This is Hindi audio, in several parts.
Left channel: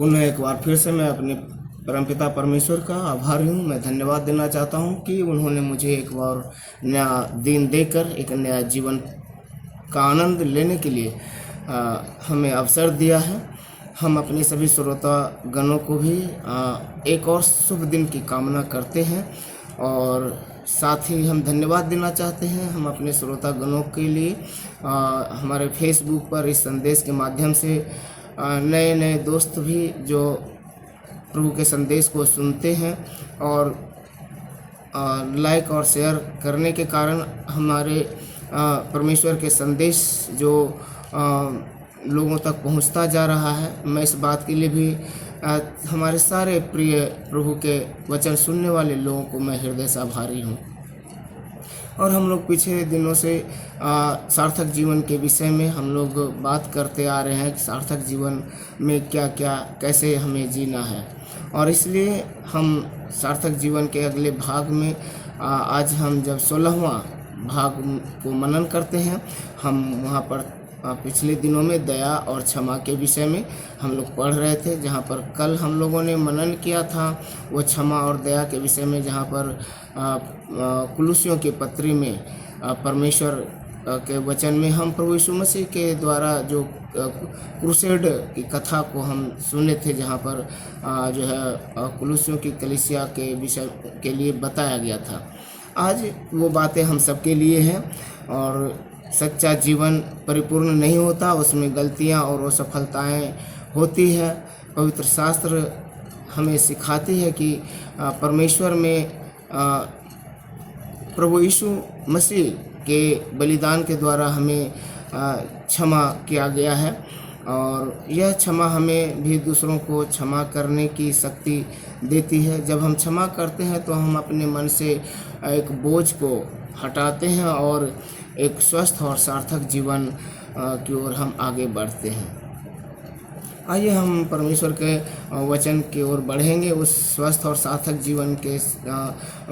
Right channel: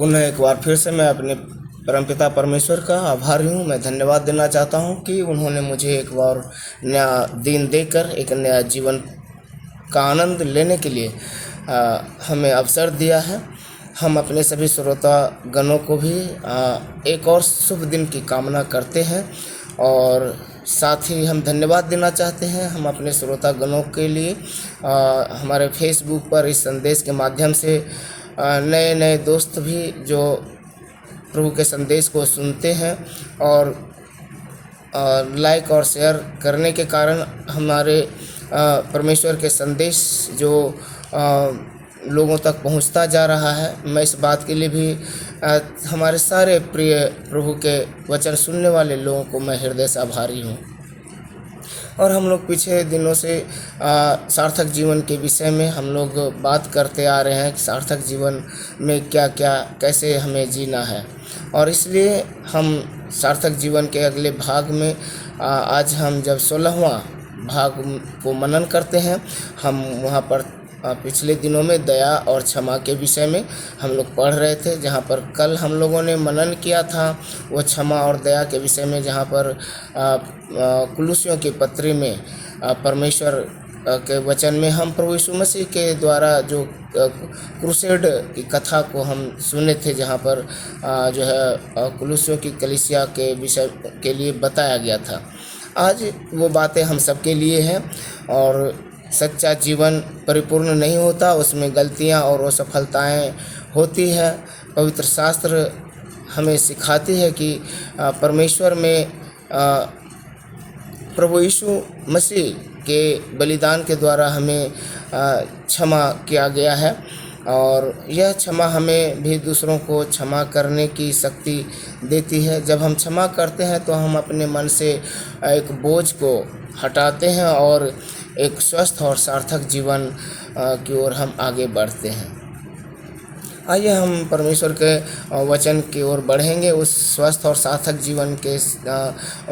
पुनः एक बार फिर से मैं अपने परमपिता परमेश्वर का आभारी हूँ। मैं धन्यवाद देना चाहता हूँ कि उन्होंने मुझे एक बार नया दिन देकर एक नया जीवन का आनंद लेने के लिए हमें अवसर दिया है। हम अपने सभी श्रोता गणों को भी एक और शुभ दिन की कामना करते हैं और साथ ही हम धन्यवाद देना चाहते हैं हम अपने श्रोता गणों के लिए। हमारे फेसबुक पर इस संदेश के माध्यम से नए नए दोस्त भी जो प्रभु के संदेश को सुनते हैं और लाइक और शेयर करने के कारण हमारे परमेश्वर के संदेश जो लोगों तक पहुंचता जा रहा है। मैं इस बात के लिए भी हमारे सारे प्रिय प्रभु के वचन सुनने वाले लोगों को मैं हृदय से आभारी हूँ। और हम लोग पिछले दिनों से सार्थक जीवन के विषय में हम लोग बात करते आ रहे हैं कि सार्थक जीवन में क्या क्या कैसे हमें जीना है। और इसलिए हम सार्थक जीवन के अगले भाग में आज हम जब 16वां भाग को मनन करते हैं, हम वहाँ पर पिछले दिनों में दया और क्षमा के विषय में हम लोग पढ़ रहे थे। जहाँ पर कल हम लोगों ने मनन किया था वो क्षमा और दया के विषय में, जहाँ पर कुलुसियों की पत्री में परमेश्वर के वचन में हम प्रभु यीशु मसीह के द्वारा जो क्रूसेड की कथा को हम सुने थे, जहाँ पर जो है कुलुसियों की कलीसिया के विषय के लिए बताया गया था। आज वो बातें हम सबके लिए हैं। और सच्चा जीवन परिपूर्ण नहीं होता, उसमें गलतियां और असफलताएं होती है। पवित्र शास्त्र हमें सिखाती है कि परमेश्वर में प्रभु यीशु मसीह के बलिदान के द्वारा हमें क्षमा किया गया है और यह क्षमा हमें भी दूसरों को क्षमा करने की शक्ति देती है। जब हम क्षमा करते हैं तो हम अपने मन से एक बोझ को हटाते हैं और एक स्वस्थ और सार्थक जीवन की ओर हम आगे बढ़ते हैं। आइए हम परमेश्वर के वचन की ओर बढ़ेंगे। उस स्वस्थ और सार्थक जीवन के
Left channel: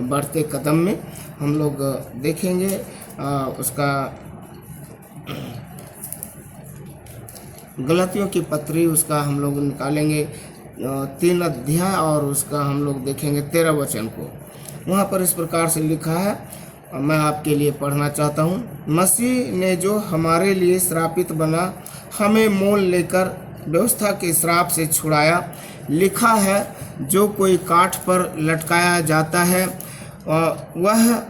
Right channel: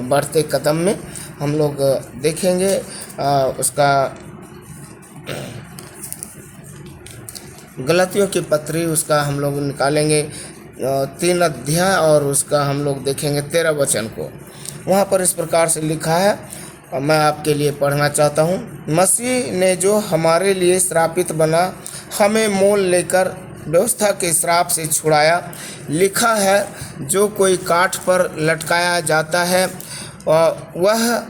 बढ़ते कदम में हम लोग देखेंगे उसका गलातियों की पत्री, उसका हम लोग निकालेंगे 3 अध्याय और उसका हम लोग देखेंगे 13 वचन को। वहाँ पर इस प्रकार से लिखा है, मैं आपके लिए पढ़ना चाहता हूँ। मसीह ने जो हमारे लिए श्रापित बना हमें मोल लेकर व्यवस्था के श्राप से छुड़ाया। लिखा है, जो कोई काठ पर लटकाया जाता है वह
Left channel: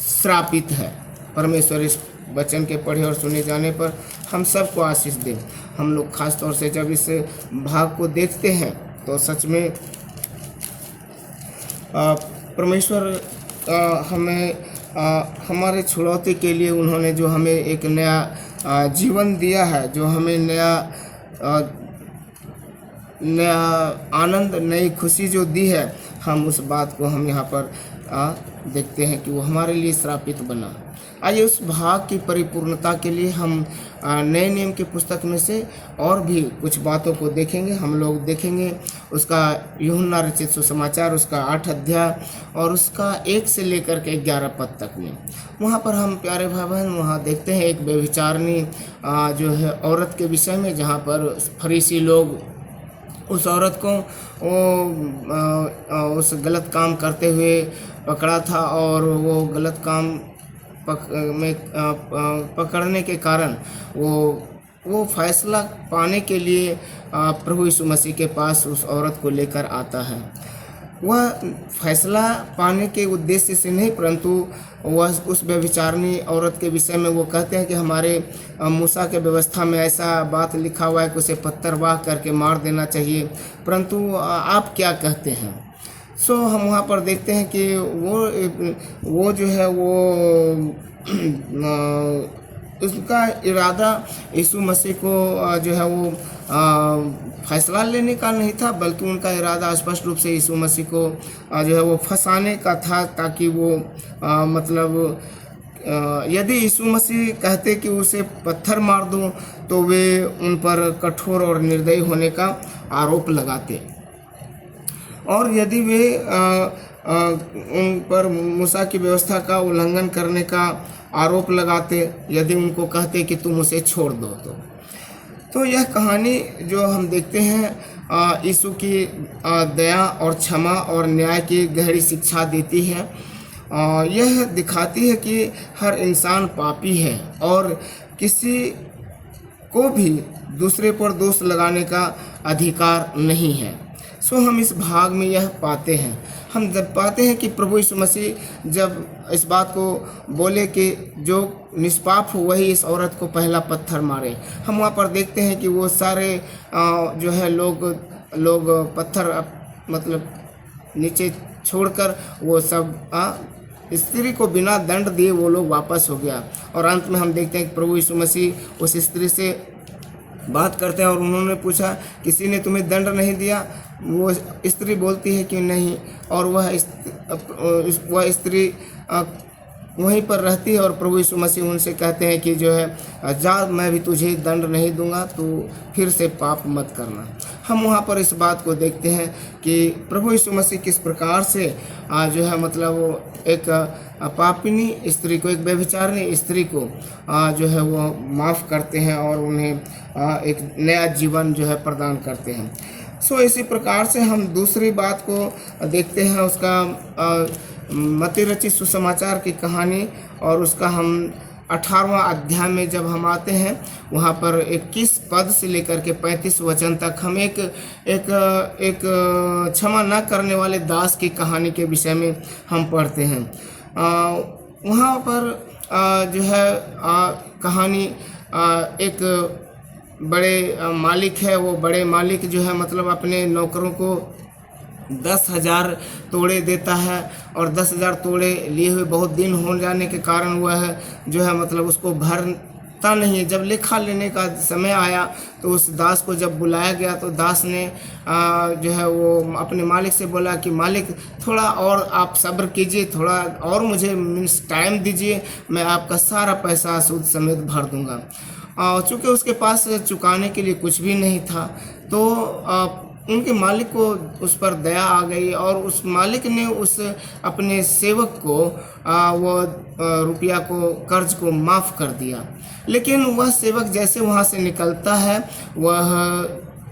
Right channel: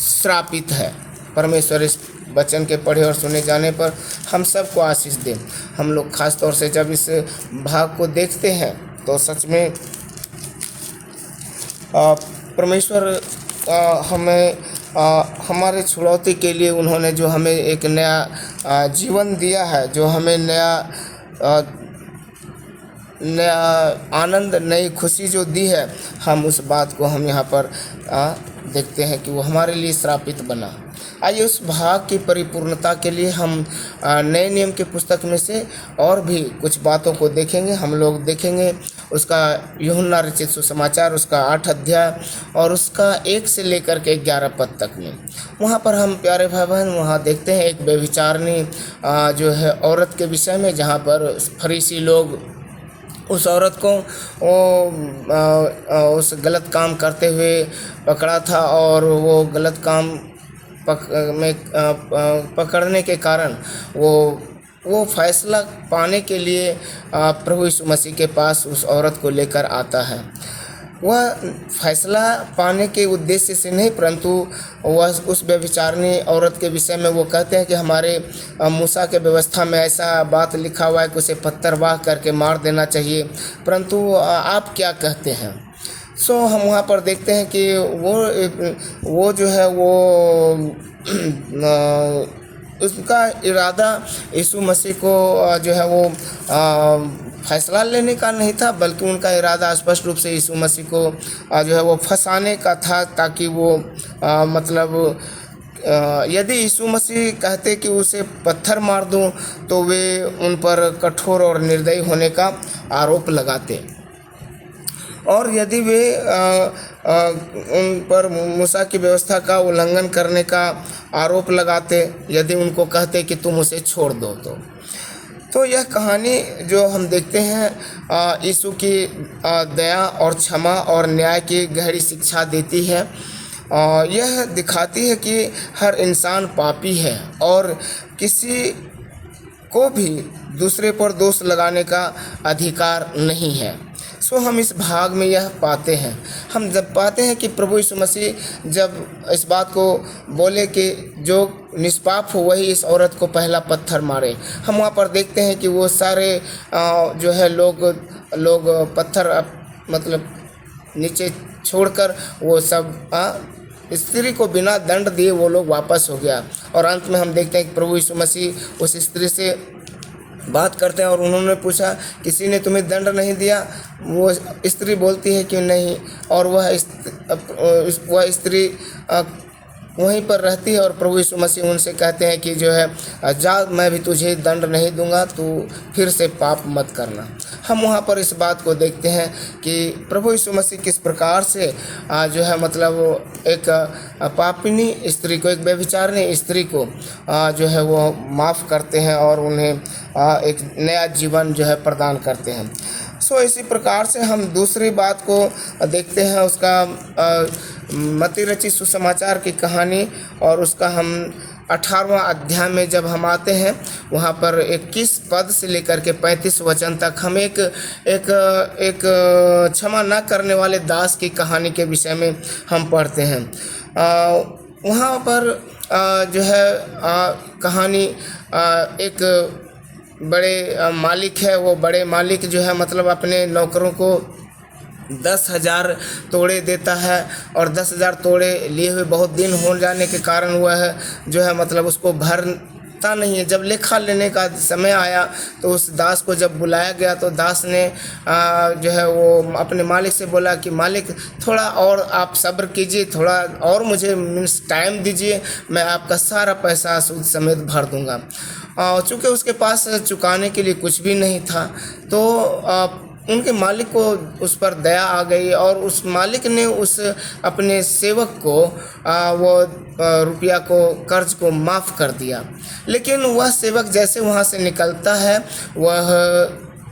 श्रापित है। परमेश्वर इस वचन के पढ़े और सुने जाने पर हम सबको आशीष दें। हम लोग खास तौर से जब इस भाग को देखते हैं तो सच में परमेश्वर हमें हमारे छुड़ौती के लिए उन्होंने जो हमें एक नया जीवन दिया है, जो हमें नया आनंद, नई खुशी जो दी है, हम उस बात को हम यहाँ पर देखते हैं कि वो हमारे लिए श्रापित बना। आइए उस भाग की परिपूर्णता के लिए हम नए नियम की पुस्तक में से और भी कुछ बातों को देखेंगे। हम लोग देखेंगे उसका यूहन्ना रचित सुसमाचार, उसका 8 अध्याय और उसका 1 से लेकर के 11 पद तक में। वहाँ पर हम प्यारे भाई बहन वहाँ देखते हैं एक व्यभिचारिणी जो है औरत के विषय में, जहाँ पर फरीसी लोग उस औरत को उस गलत काम करते हुए पकड़ा था और वो गलत काम पकड़ने के कारण वो फैसला पाने के लिए प्रभु यीशु मसीह के पास उस औरत को लेकर आता है। वह फैसला पाने के उद्देश्य से नहीं, परंतु वह उस व्यभिचारिणी औरत के विषय में वो कहते हैं कि हमारे मूसा के व्यवस्था में ऐसा बात लिखा हुआ है कि उसे पत्थर वाह करके मार देना चाहिए, परंतु आप क्या कहते हैं। हम वहाँ पर देखते हैं कि वो जो है वो उसका इरादा यीशु मसीह को जो है वो फैसला लेने का नहीं था, बल्कि उनका इरादा स्पष्ट रूप से यीशु मसीह को जो है वो फंसाने का था, ताकि वो मतलब यदि यीशु मसीह कहते कि उसे पत्थर मार दो तो वे उन पर कठोर और निर्दयी होने का आरोप लगाते, और यदि वे उन पर मूसा की व्यवस्था का उल्लंघन करने का आरोप लगाते, यदि उनको कहते कि तुम उसे छोड़ दो। तो तो यह कहानी जो हम देखते हैं यीशु की दया और क्षमा और न्याय की गहरी शिक्षा देती है। यह दिखाती है कि हर इंसान पापी है और किसी को भी दूसरे पर दोष लगाने का अधिकार नहीं है। सो हम इस भाग में यह पाते हैं, हम जब पाते हैं कि प्रभु यीशु मसीह जब इस बात को बोले कि जो निष्पाप हो वही इस औरत को पहला पत्थर मारे, हम वहाँ पर देखते हैं कि वो सारे जो है लोग पत्थर मतलब नीचे छोड़कर वो सब स्त्री को बिना दंड दिए वो लोग वापस हो गया। और अंत में हम देखते हैं कि प्रभु यीशु मसीह उस स्त्री से बात करते हैं और उन्होंने पूछा किसी ने तुम्हें दंड नहीं दिया? वो स्त्री बोलती है कि नहीं, और वह स्त्री वहीं पर रहती है और प्रभु यीशु मसीह उनसे कहते हैं कि जो है जा, मैं भी तुझे दंड नहीं दूंगा, तू फिर से पाप मत करना। हम वहाँ पर इस बात को देखते हैं कि प्रभु यीशु मसीह किस प्रकार से जो है मतलब वो एक पापिनी स्त्री को, एक व्यभिचारिणी स्त्री को जो है वो माफ़ करते हैं और उन्हें एक नया जीवन जो है प्रदान करते हैं। सो इसी प्रकार से हम दूसरी बात को देखते हैं, उसका मत्ती रचित सुसमाचार की कहानी, और उसका हम 18वां अध्याय में जब हम आते हैं वहाँ पर 21 पद से लेकर के 35 वचन तक हम एक क्षमा न करने वाले दास की कहानी के विषय में हम पढ़ते हैं। वहाँ पर जो है कहानी एक बड़े मालिक है। वो बड़े मालिक जो है मतलब अपने नौकरों को 10,000 तोड़े देता है और 10,000 तोड़े लिए हुए बहुत दिन हो जाने के कारण वह जो है मतलब उसको भरता नहीं है। जब लेखा लेने का समय आया तो उस दास को जब बुलाया गया तो दास ने जो है वो अपने मालिक से बोला कि मालिक थोड़ा और आप सब्र कीजिए, थोड़ा और मुझे मीन्स टाइम दीजिए, मैं आपका सारा पैसा सूद समेत भर दूंगा। चूँकि उसके पास चुकाने के लिए कुछ भी नहीं था तो उनके मालिक को उस पर दया आ गई और उस मालिक ने उस अपने सेवक को वो रुपया को, कर्ज को माफ़ कर दिया। लेकिन वह सेवक जैसे वहाँ से निकलता है, वह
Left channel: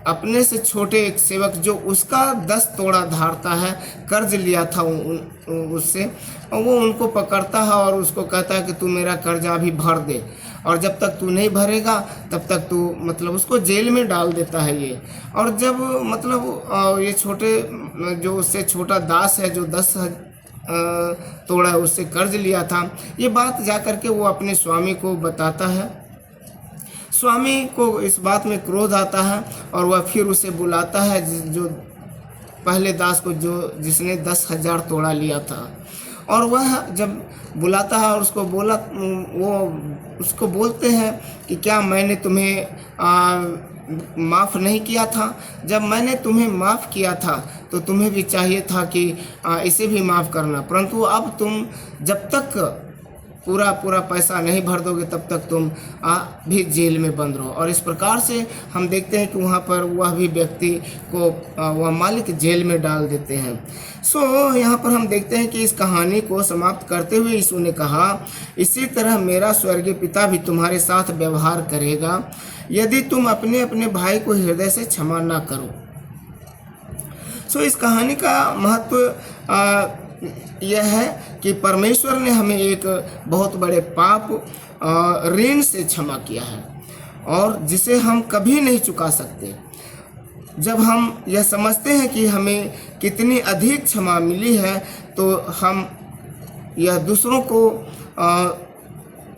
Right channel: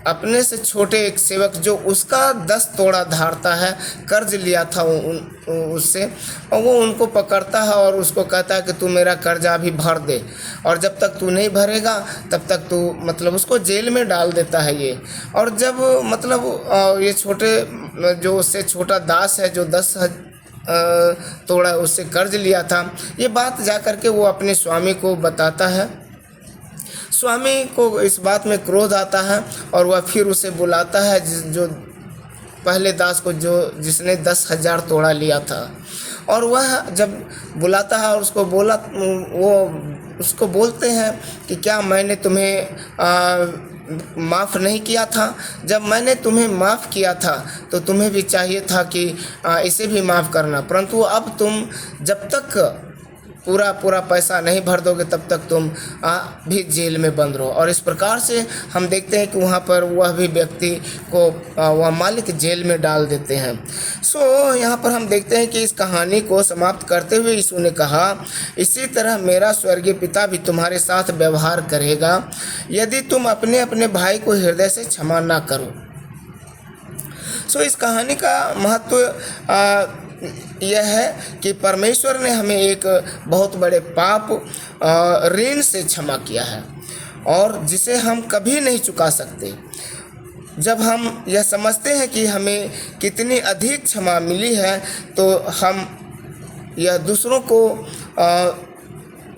अपने से छोटे एक सेवक जो उसका 10 तोड़ा धारता है, कर्ज लिया था उससे, और वो उनको पकड़ता है और उसको कहता है कि तू मेरा कर्जा अभी भर दे, और जब तक तू नहीं भरेगा तब तक तू मतलब उसको जेल में डाल देता है ये। और जब मतलब ये छोटे जो उससे छोटा दास है जो 10 तोड़ा उससे कर्ज लिया था, ये बात जा कर के वो अपने स्वामी को बताता है। स्वामी को इस बात में क्रोध आता है और वह फिर उसे बुलाता है जो पहले दास को जिसने 10,000 तोड़ा लिया था, और वह जब बुलाता है और उसको बोलते हैं कि क्या मैंने तुम्हें माफ़ नहीं किया था? जब मैंने तुम्हें माफ़ किया था तो तुम्हें भी चाहिए था कि इसे भी माफ़ करना, परंतु अब तुम जब तक पूरा पैसा नहीं भर दोगे तब तक तुम भी जेल में बंद रहो। और इस प्रकार से हम देखते हैं कि वहाँ पर वह भी व्यक्ति को वह मालिक जेल में डाल देते हैं। सो यहाँ पर हम देखते हैं कि इस कहानी को समाप्त करते हुए यीशु ने कहा, इसी तरह मेरा स्वर्गीय पिता भी तुम्हारे साथ व्यवहार करेगा यदि तुम अपने अपने भाई को हृदय से क्षमा ना करो। सो इस कहानी का महत्व यह है कि परमेश्वर ने हमें एक बहुत बड़े पाप ऋण से क्षमा किया है और जिसे हम कभी नहीं चुका सकते। जब हम यह समझते हैं कि हमें कितनी अधिक क्षमा मिली है तो हम यह दूसरों को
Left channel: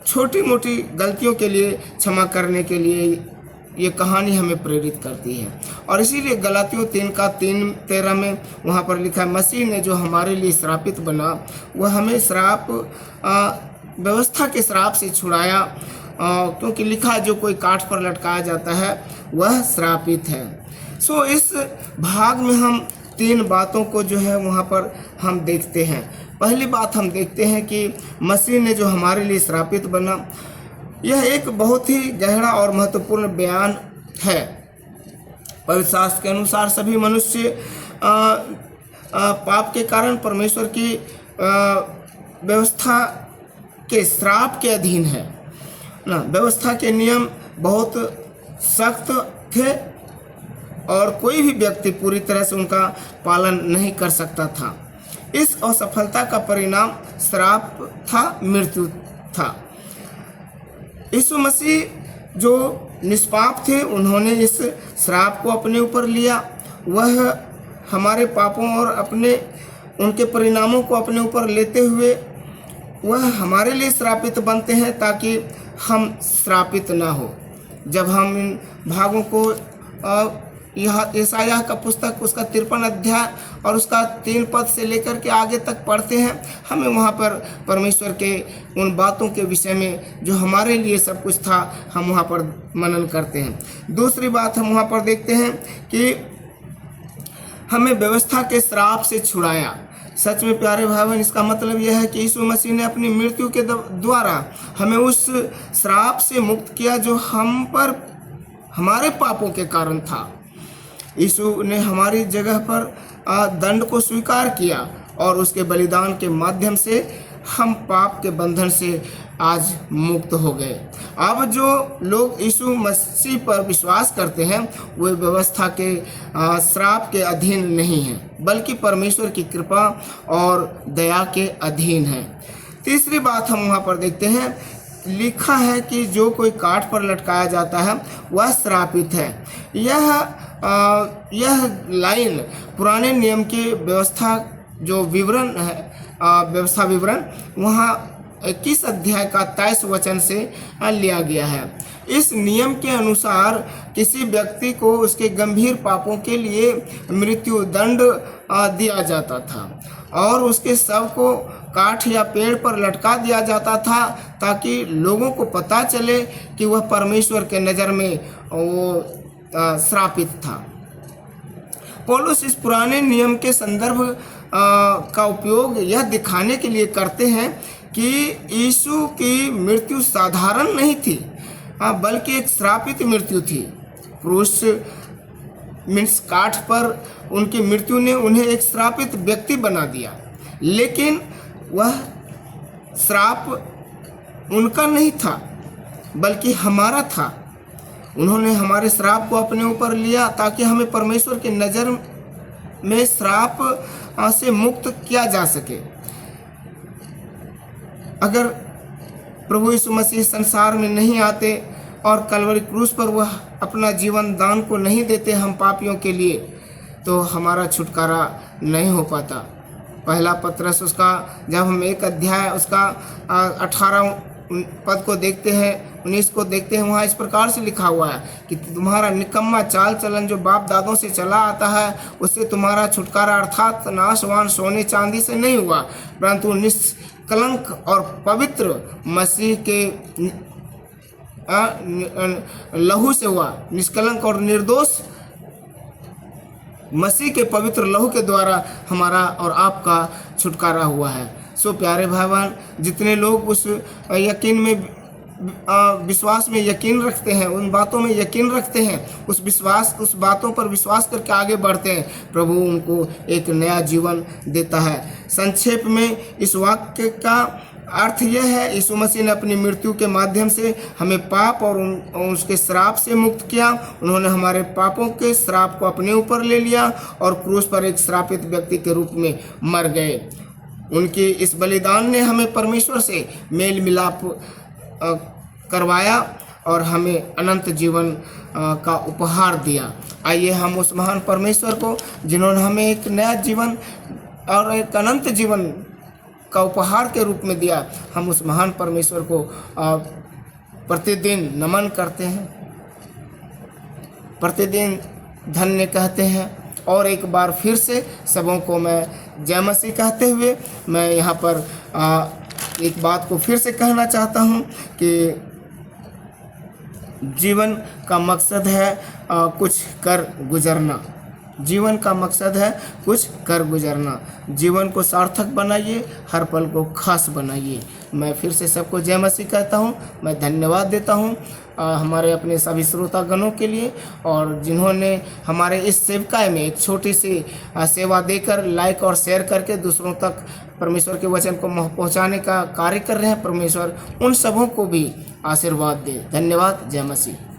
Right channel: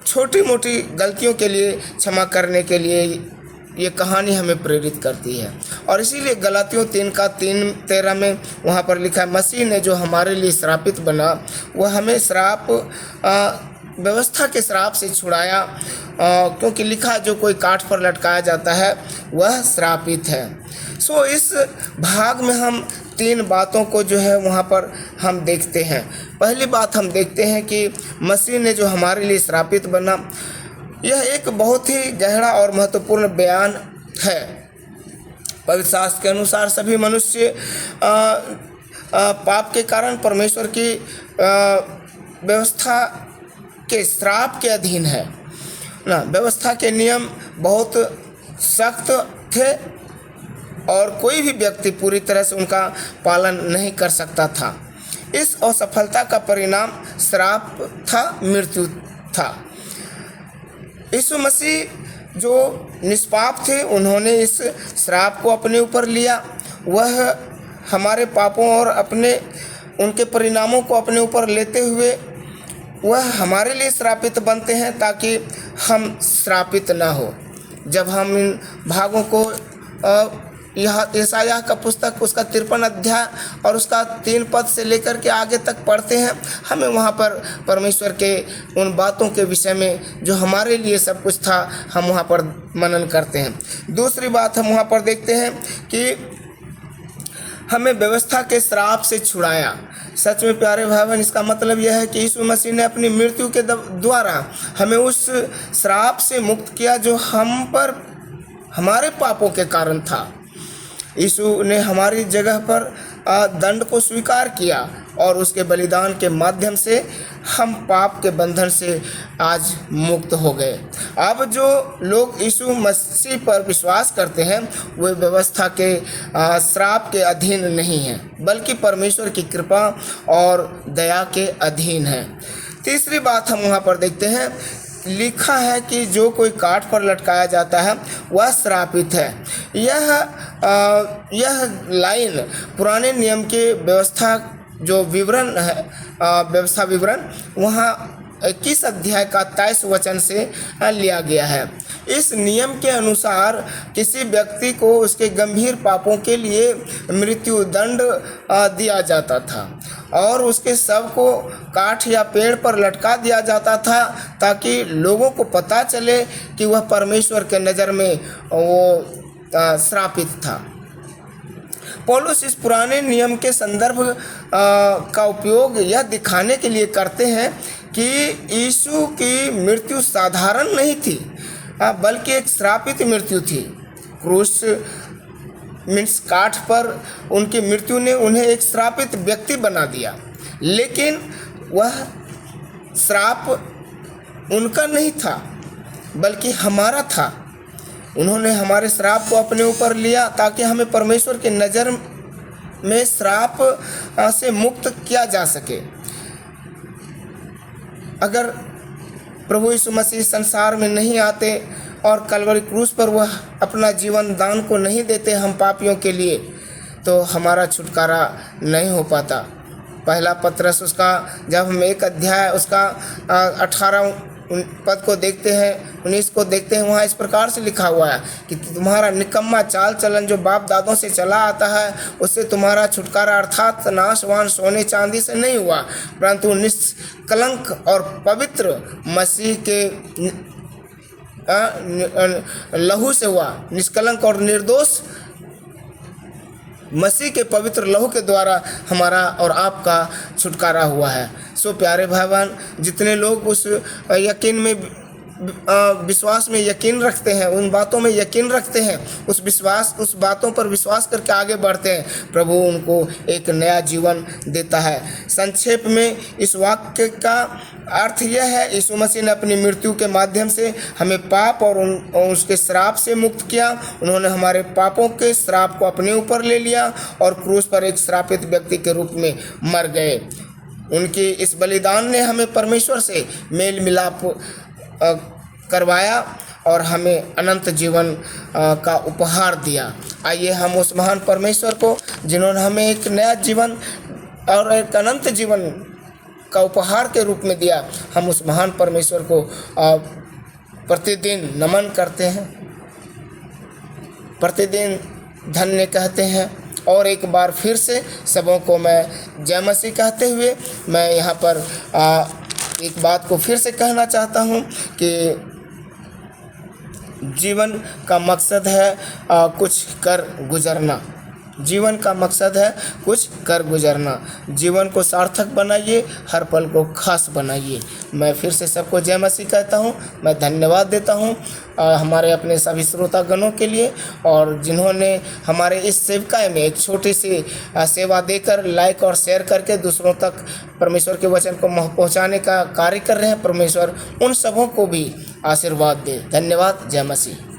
छोटी मोटी गलतियों के लिए क्षमा करने के लिए ये कहानी हमें प्रेरित करती है। और इसीलिए गलातियों 3:13 में वहाँ पर लिखा है, मसीह ने जो हमारे लिए श्रापित बना वह हमें श्राप व्यवस्था के श्राप से छुड़ाया, क्योंकि लिखा जो कोई काठ पर लटकाया जाता है वह श्रापित है। सो इस भाग में हम 3 बातों को जो है वहाँ पर हम देखते हैं। पहली बात हम देखते हैं कि मसीह ने जो हमारे लिए श्रापित बना, यह एक बहुत ही गहरा और महत्वपूर्ण बयान है। पवित्र शास्त्र के अनुसार सभी मनुष्य पाप के कारण परमेश्वर की व्यवस्था के श्राप के अधीन है ना। व्यवस्था के नियम बहुत सख्त थे और कोई भी व्यक्ति पूरी तरह से उनका पालन नहीं कर सकता था। इस असफलता का परिणाम श्राप था, मृत्यु था। यीशु मसीह जो निष्पाप थे, उन्होंने इस श्राप को अपने ऊपर लिया। वह हमारे पापों और अपने उनके परिणामों को अपने ऊपर लेते हुए वह हमारे लिए श्रापित बनते हैं ताकि हम श्रापित ना हो। जब हम इन भागों को यह यशायाह का पुस्तक उसका 53 अध्याय और उसका 3 पद से लेकर के आगे तक पढ़ते हैं, हमें वहाँ पर परमेश्वर के उन बातों के विषय में जो हमारे लिए सब कुछ था, हम वहाँ पर मनन करते हैं। दूसरी बात हम वहाँ पर देखते हैं कि हमें व्यवस्था के श्राप से छुड़ाया। सच में प्यारे भाई बहन, इसका मतलब यह है कि यीशु मसीह ने अपनी मृत्यु के द्वारा हमें उस श्राप से मुक्त किया जो हम पर हमारे पापों के कारण था। यीशु ने हमारी जगह पर दंड को स्वीकार किया और उसके बलिदान के माध्यम से हम पाप के बंधन से आज मुक्त हो गए। अब जो लोग यीशु मसीह पर विश्वास करते हैं वे व्यवस्था के श्राप के अधीन नहीं हैं, बल्कि परमेश्वर की कृपा और दया के अधीन हैं। तीसरी बात हम वहाँ पर देखते हैं, लिखा है कि जो कोई काठ पर लटकाया जाता है वह श्रापित है। यह लाइन पुराने नियम के व्यवस्था जो विवरण है, व्यवस्था विवरण वहाँ 21 अध्याय का 23 वचन से लिया गया है। इस नियम के अनुसार किसी व्यक्ति को उसके गंभीर पापों के लिए मृत्यु दंड दिया जाता था और उसके शव को काठ या पेड़ पर लटका दिया जाता था ताकि लोगों को पता चले कि वह परमेश्वर के नज़र में वो श्रापित था। पौलुस इस पुराने नियम के संदर्भ का उपयोग यह दिखाने के लिए करते हैं कि यीशु की मृत्यु साधारण नहीं थी, बल्कि एक श्रापित मृत्यु थी। क्रूस मीन्स काठ पर उनकी मृत्यु ने उन्हें एक श्रापित व्यक्ति बना दिया, लेकिन वह श्राप उनका नहीं था बल्कि हमारा था। उन्होंने हमारे श्राप को अपने ऊपर लिया ताकि हमें परमेश्वर की नज़र में श्राप से मुक्त किया जा सके। अगर प्रभु यीशु मसीह संसार में नहीं आते और कलवरी क्रूस पर वह अपना जीवन दान को नहीं देते हम पापियों के लिए, तो हमारा छुटकारा नहीं हो पाता। पहला पत्रस उसका जब हम 1 अध्याय उसका 18 पद को देखते हैं, 19 को देखते हैं, वहाँ इस प्रकार से लिखा हुआ है कि तुम्हारा निकम्मा चाल चलन जो बाप दादों से चला आता है उससे तुम्हारा छुटकारा अर्थात नाशवान सोने चांदी से नहीं हुआ, परंतु निष्कलंक और पवित्र मसीह के लहू से हुआ। निष्कलंक और निर्दोष मसीह के पवित्र लहू के द्वारा हमारा और आपका छुटकारा हुआ है। सो प्यारे भाई बहन, जितने लोग उस यकीन में विश्वास में यकीन रखते हैं, उन बातों में यकीन रखते हैं, उस बातों पर विश्वास करके आगे बढ़ते हैं, प्रभु उनको एक नया जीवन देता है। संक्षेप में इस वाक्य का अर्थ यह है, यीशु मसीह ने अपनी मृत्यु के माध्यम से हमें पाप और उसके श्राप से मुक्त किया। उन्होंने हमारे पापों के श्राप को अपने ऊपर ले लिया और क्रूस पर एक श्रापित व्यक्ति के रूप में मर गए। उनकी इस बलिदान ने हमें परमेश्वर से मेल मिलाप करवाया और हमें अनंत जीवन का उपहार दिया। आइए हम उस महान परमेश्वर को, जिन्होंने हमें एक नया जीवन और एक अनंत जीवन का उपहार के रूप में दिया, हम उस महान परमेश्वर को प्रतिदिन नमन करते हैं, प्रतिदिन धन्य कहते हैं। और एक बार फिर से सबों को मैं जय मसीह कहते हुए मैं यहाँ पर एक बात को फिर से कहना चाहता हूँ कि जीवन का मकसद है कुछ कर गुजरना। जीवन का मकसद है कुछ कर गुजरना। जीवन को सार्थक बनाइए, हर पल को खास बनाइए। मैं फिर से सबको जय मसीह कहता हूँ। मैं धन्यवाद देता हूँ हमारे अपने सभी श्रोतागणों के लिए, और जिन्होंने हमारे इस सेवकाय में एक छोटी सी सेवा देकर लाइक और शेयर करके दूसरों तक परमेश्वर के वचन को पहुँचाने का कार्य कर रहे हैं। परमेश्वर उन सबों को भी आशीर्वाद दे। धन्यवाद। जय मसीह।